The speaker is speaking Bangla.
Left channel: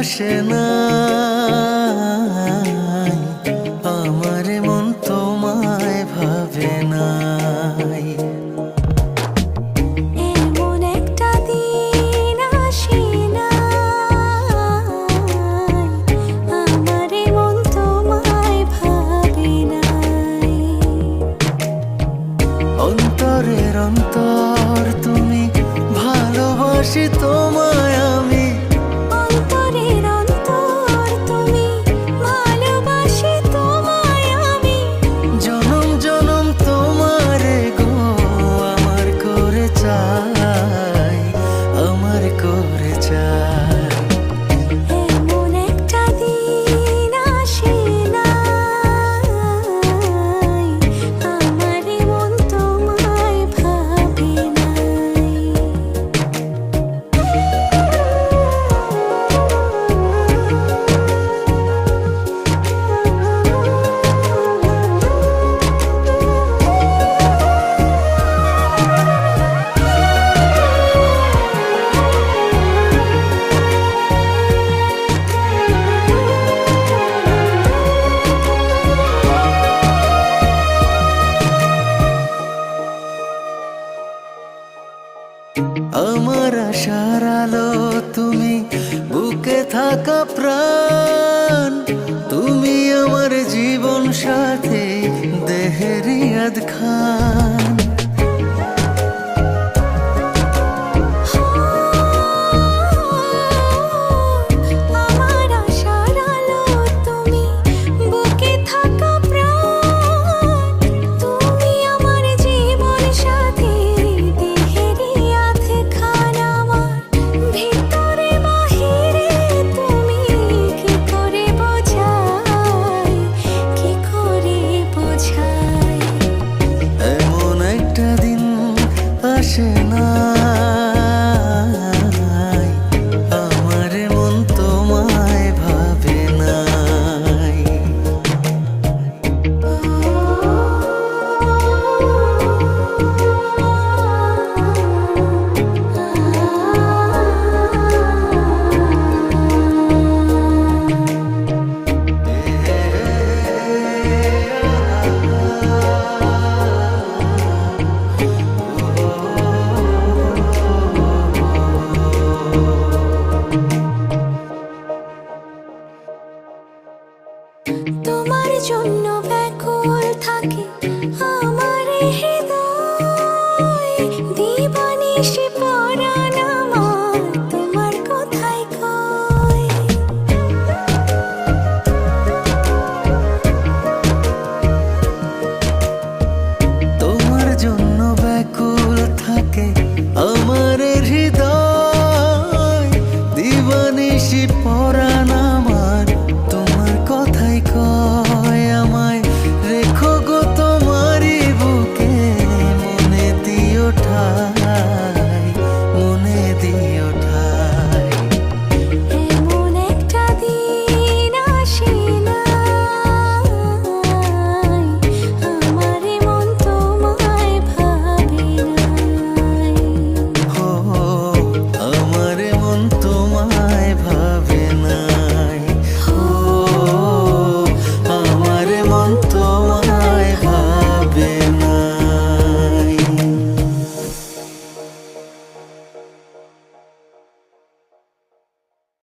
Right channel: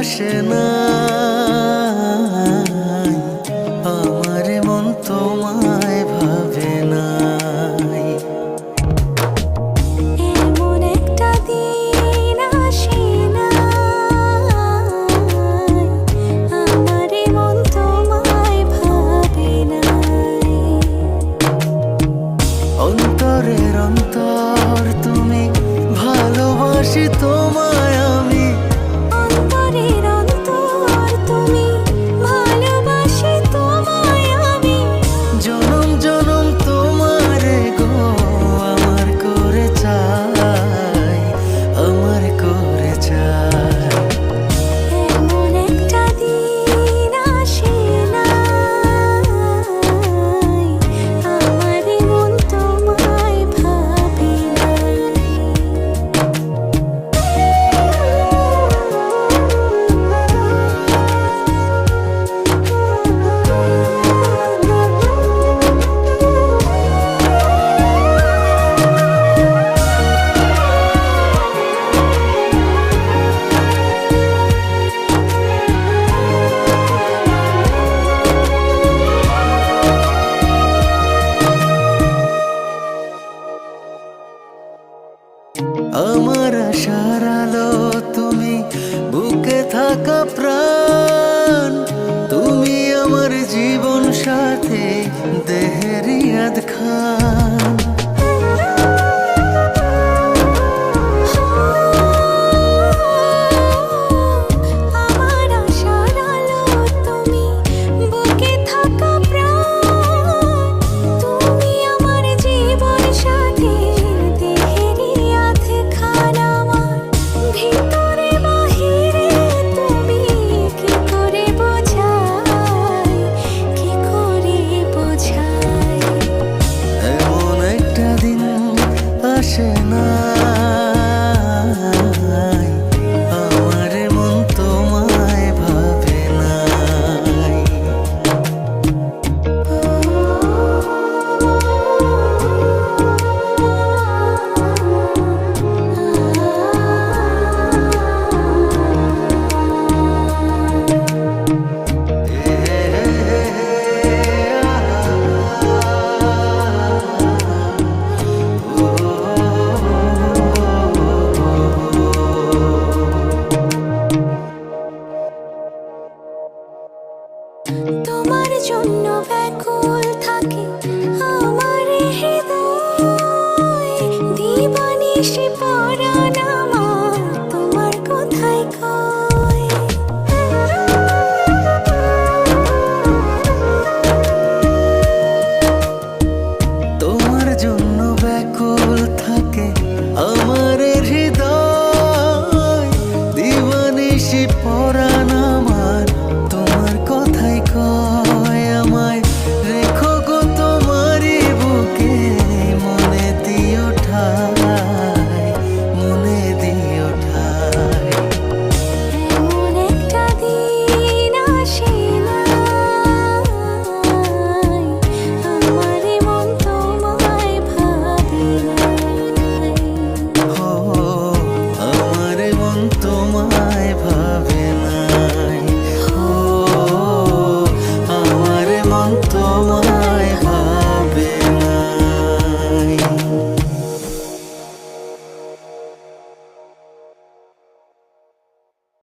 আসে নাই, আমার মন তোমায় ভাবে নাই। এমন একটা দিন আসে নাই, আমার মন তোমায় ভাবে নাই। অন্তরের অন্তর তুমি, ভালোবাসি তোমায় আমি। অন্তরের অন্তর তুমি, ভালোবাসি তোমায় আমি। জনম জনম তোমারে গো আমার করে চাই, আমার করে চাই। এমন একটা দিন আসে নাই, আমার মন তোমায় ভাবে নাই। আমার আশার আলো তুমি, বুকে থাকা প্রাণ তুমি, আমার জীবন সাথী দেহেরিয়াদ খান। আমার আশার আলো তুমি, বুকে থাকা প্রাণ তুমি, আমার জীবন সাথী দেহেরি আধে খান। আমার ভিতরে বাহিরে তুমি, কি করে বোঝাই, কি করে বোঝাই। এমন একটা দিন আসে নাই, আমার মন তোমায় ভাবে নাই। তোমার জন্য ব্যাকুল থাকে আমার হৃদয়, দিবানিশি পরাণ আমার তোমার কোথায় কয়। তোমার জন্য ব্যাকুল থাকে আমার হৃদয়, দিবানিশি পরাণ